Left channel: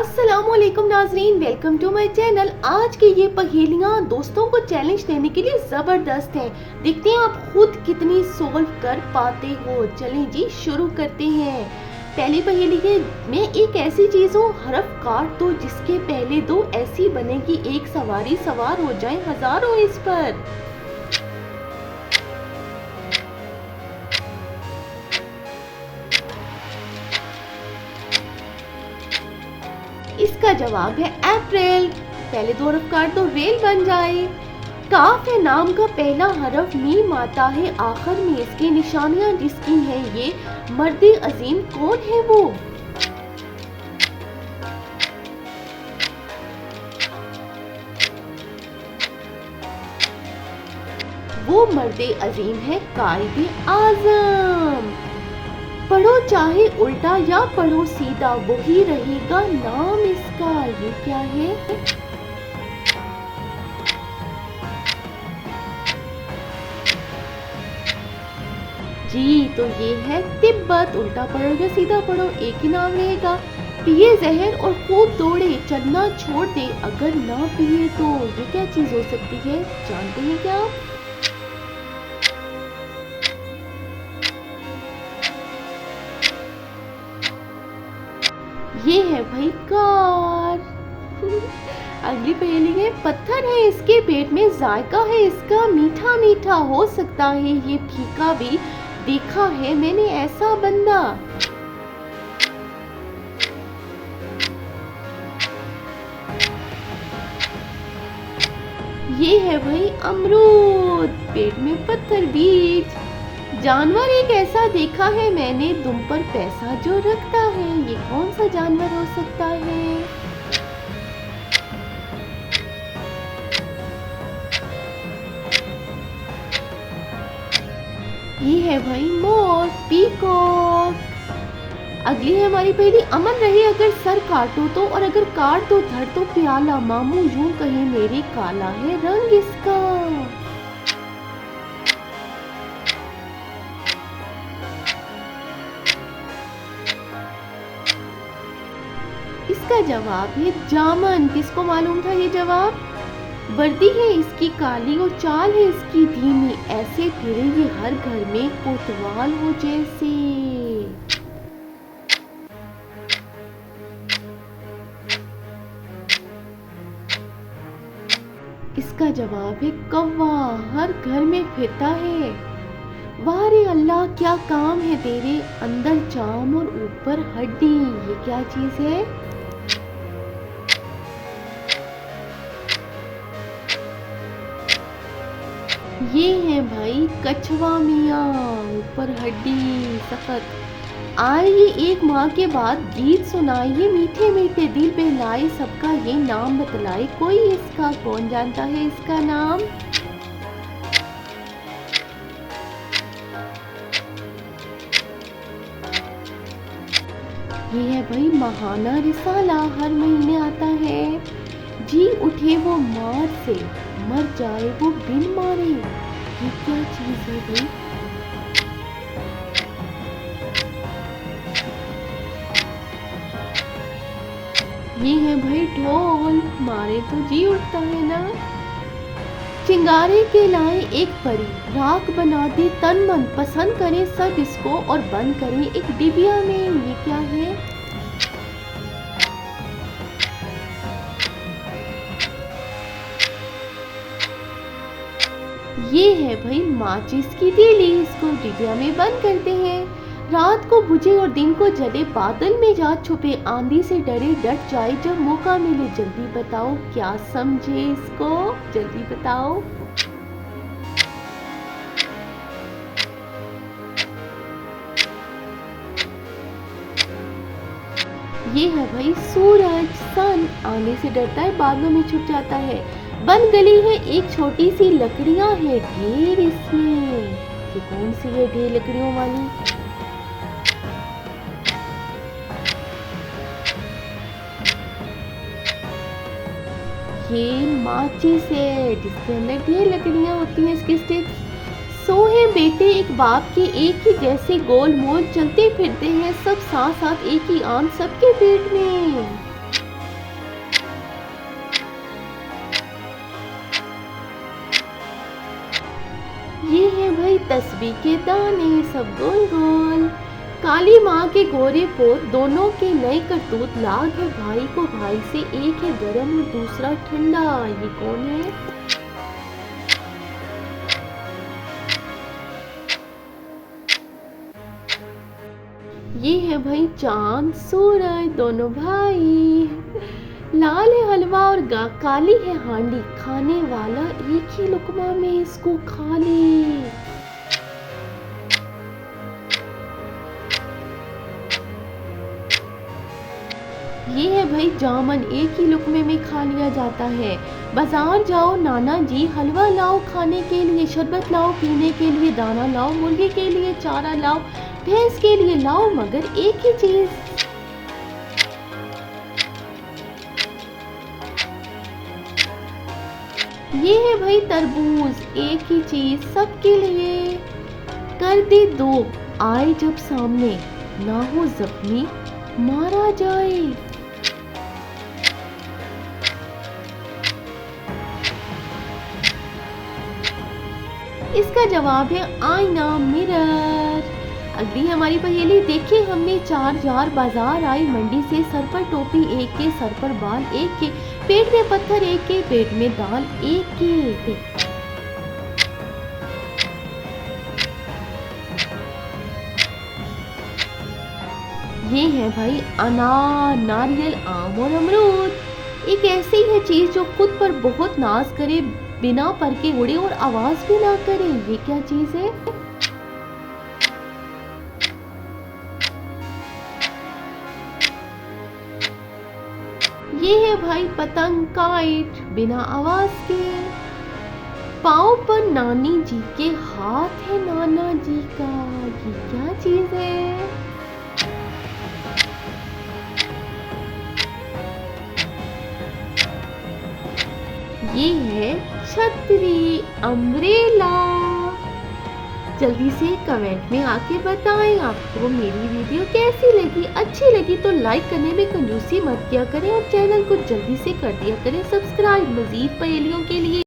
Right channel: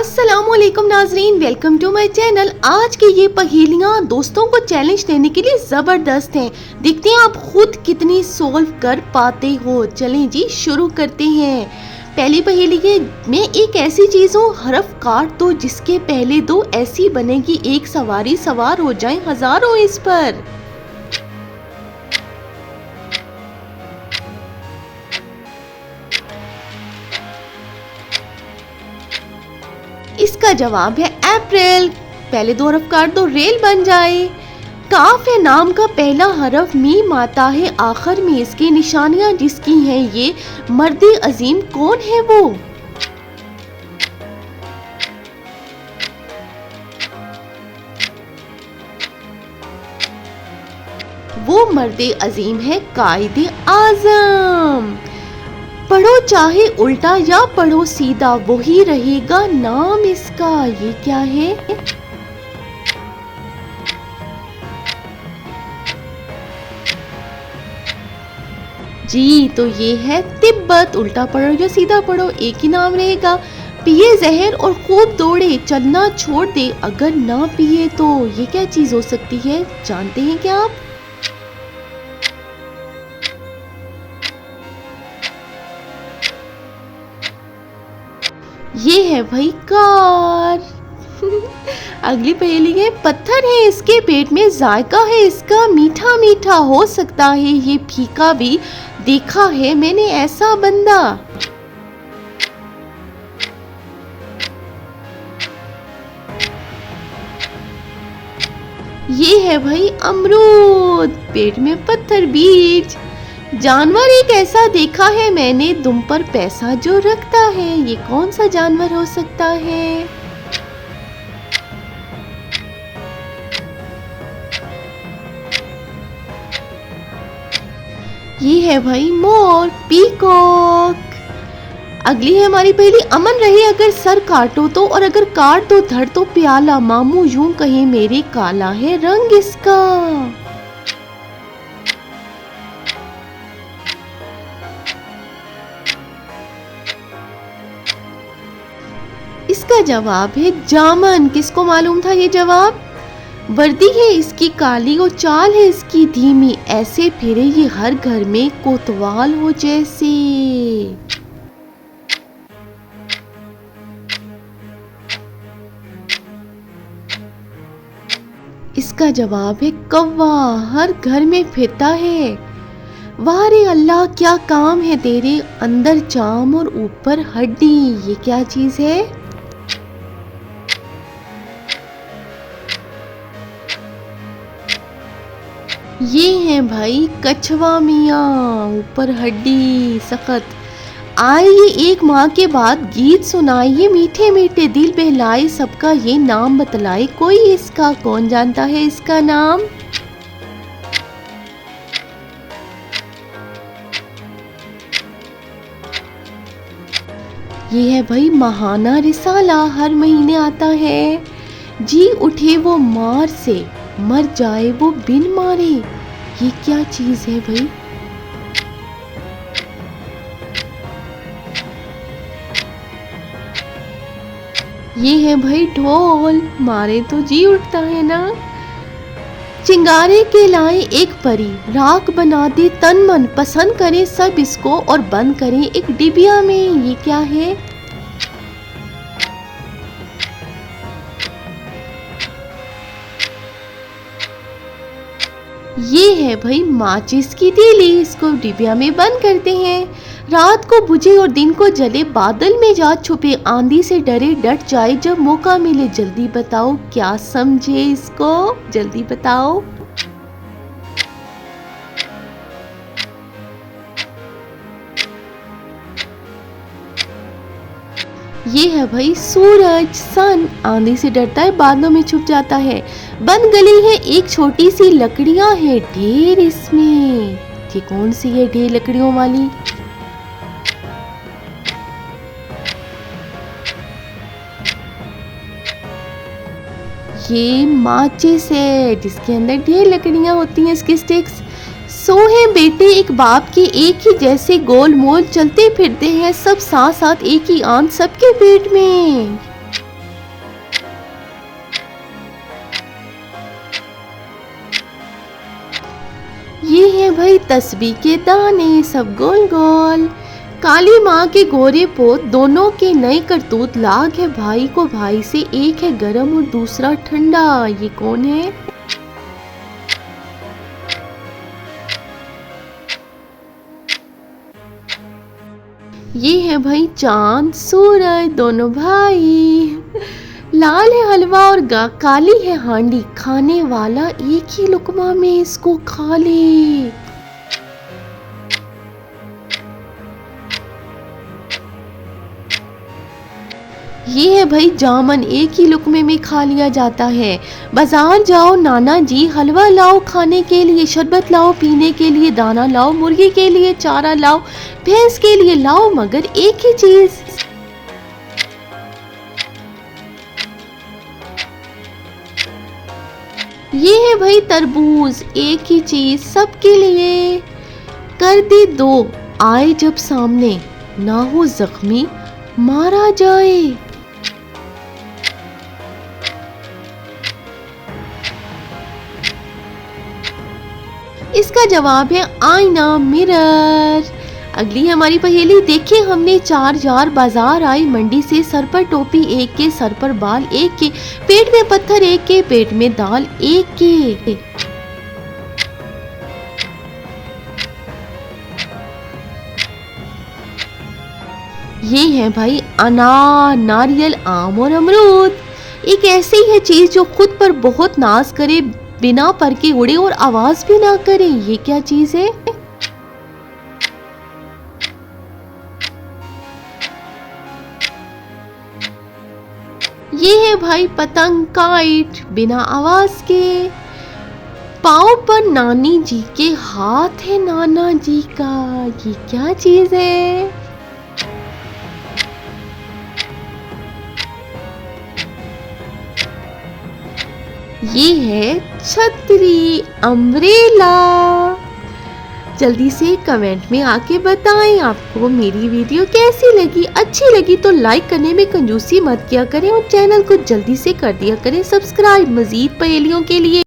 अस्सलामुअलैकुम नाजरीन, welcome to my channel. आज की ये पहेलियाँ दोस्तों को चैलेंज देने के लिए ज़बरदस्त हैं। देखते हैं आप खुद कितनी सोल्व कर पाते हो। चलें जी शुरू करते हैं। पहली पहेली है, मैं एक ऐसी चीज़ हूँ, हरफ काट दो जिसके पहले दो, ऐसी बनेगी एक सवारी, सवार हो जाए हजारों इस पर। इसका जवाब है अप्रैल। पहले दो हरफ काट दो, रेल बन जाए। काफ है नाम का पहला हरफ, मीम आता है आखिर में इसकी, निशानियां जिसकी हैं ये, मर्द अजीम कौन है वो? वो मर्द अजीम है कायदे आजम। पढ़ो चाहे उल्टा या पढ़ो सीधा, वही रहेगा नाम इसका। ये क्या है? जी तो ये है तिब्बत। उल्टा पढ़ो या सीधा पढ़ो एक ही नाम रहेगा। पिए जहर और खूब दौड़े, चलना छोड़ दे अगर ना पिए तो। ये क्या चीज हो सकती है, जानते हैं क्या आप? ये है भाई कार। अगली पहेली है, पत्थर है इसके पेट में, जायका है इसका मीठा मीठा, हो सकता है ये फीका भी, देखा है मैंने ऐसा बंदा। ये है भाई अमरूद, पेट में पत्थर बीज। जानवर एक ऐसा देखा है मैंने, दुम पर पैसा जो रखता है, ये कौन सा जानवर हो सकता है? ये है भाई मोर, पीकॉक। अगली है हमारी पहली, अमन रहे अगर सर काटो तो, और अगर काट दो धड़ तो प्याला, मामू यूं कहे मेरे काला है रंग इसका। इसका जवाब है जामन। किसको मालूम था ये जवाब? वर्दी है इसकी काली और चाल है इसकी धीमी, ऐसे फिरे ये हर घर में कोतवाल हो जैसे। इसका जवाब है कौवा, हर घर में फिरता है। वाह रे अल्लाह क्या काम है तेरे, अंदर चाम और ऊपर हड्डी, ये क्या चीज है? ये है भाई कछवा मियाँ, ऊपर हड्डी सख्त। आइए एक माँ के बाद गीत सुनाइए, मीठे मीठे दिल बहलाए, सबका ये नाम बतलाए कोई इसका, कौन जानता है इसका नाम? ये है भाई महाना रिसाला, हर महीने आता है। जी उठे वो मार से, मर जाए वो बिन मारे, ये क्या चीज है भाई? ये है भाई ढोल, मारे तो जी उठता है ना। चिंगारे के लाए एक परी, राख बना दे तन मन, पसंद करे सब इसको और बंद करे एक डिबिया में, ये क्या है? ये है भाई माचिस की तीली, इसको डिबिया में बंद करते हैं। रात को बुझे और दिन को जले, बादल में जा छुपे, आंधी से डरे डट जाए जब मौका मिले, जल्दी बताओ क्या समझे इसको, जल्दी बताओ। ये है भाई सूरज, सन, आंधी से डरता है बादलों में छुप जाता है। बंद गली है एक छोटी सी, लकड़ियां है ढेर इसमें, ये कौन सी है ढेर लकड़ियों वाली? ये माचिस है जिसके अंदर ढेर लकड़ियां होती हैं, इसके स्टिक्स। सो है बेटे एक बाप के एक ही जैसे, गोल मोल चलते फिरते हैं सब साथ साथ, एक ही आंत सबके पेट में। तस्बीह के दाने सब गोल गोल। काली माँ के गोरे पोत दोनों के नए करतूत। लाग है भाई को भाई से, एक है गरम और दूसरा ठंडा। ये कौन है? ये है भाई चांद सूरज दोनों भाई। लाल है हलवा और काली है हांडी, खाने वाला एक ही लुकमा में इसको खा ले। ये है भाई जामन, एक ही लुकमे में खा लिया जाता है। बाजार जाओ नाना जी, हलवा लाओ खाने के लिए, शरबत लाओ पीने के लिए, दाना लाओ मुर्गी के लिए, चारा लाओ भैंस के लिए, लाओ मगर एक ही चीज। ये है भाई तरबूज, एक ही चीज सबके लिए। कर दी दो, आए जब सामने, ना हो जख्मी मारा जाए। इसका जवाब है आईना, मिरर। अगली हमारी पहेली देखिए हमने। 4 जार बाजार आई मंडी से, सर पर टोपी एक के, सर पर बाल एक के, पेट में पत्थर एक के, पेट में दाल एक के। ये है भाई अनार, नारियल, आम और अमरूद। एक ऐसी है चीज जो खुद पर बहुत नाज करे, बिना पर के उड़े और आवाज भी ना करे। ये क्या चीज है? ये है भाई पतंग, काइट, बिना आवाज के। पाँव पर नानी जी के, हाथ है नाना जी का। ये क्या चीज है? ये है छतरी, अम्ब्रेला। जल्दी से कमेंट में आके बताएं आपको मेरी वीडियो कैसी लगी। अच्छी लगी तो लाइक करने में कंजूसी मत किया करें और चैनल को जल्दी से कर दिया करें सब्सक्राइब मजीद पहेलियों के लिए।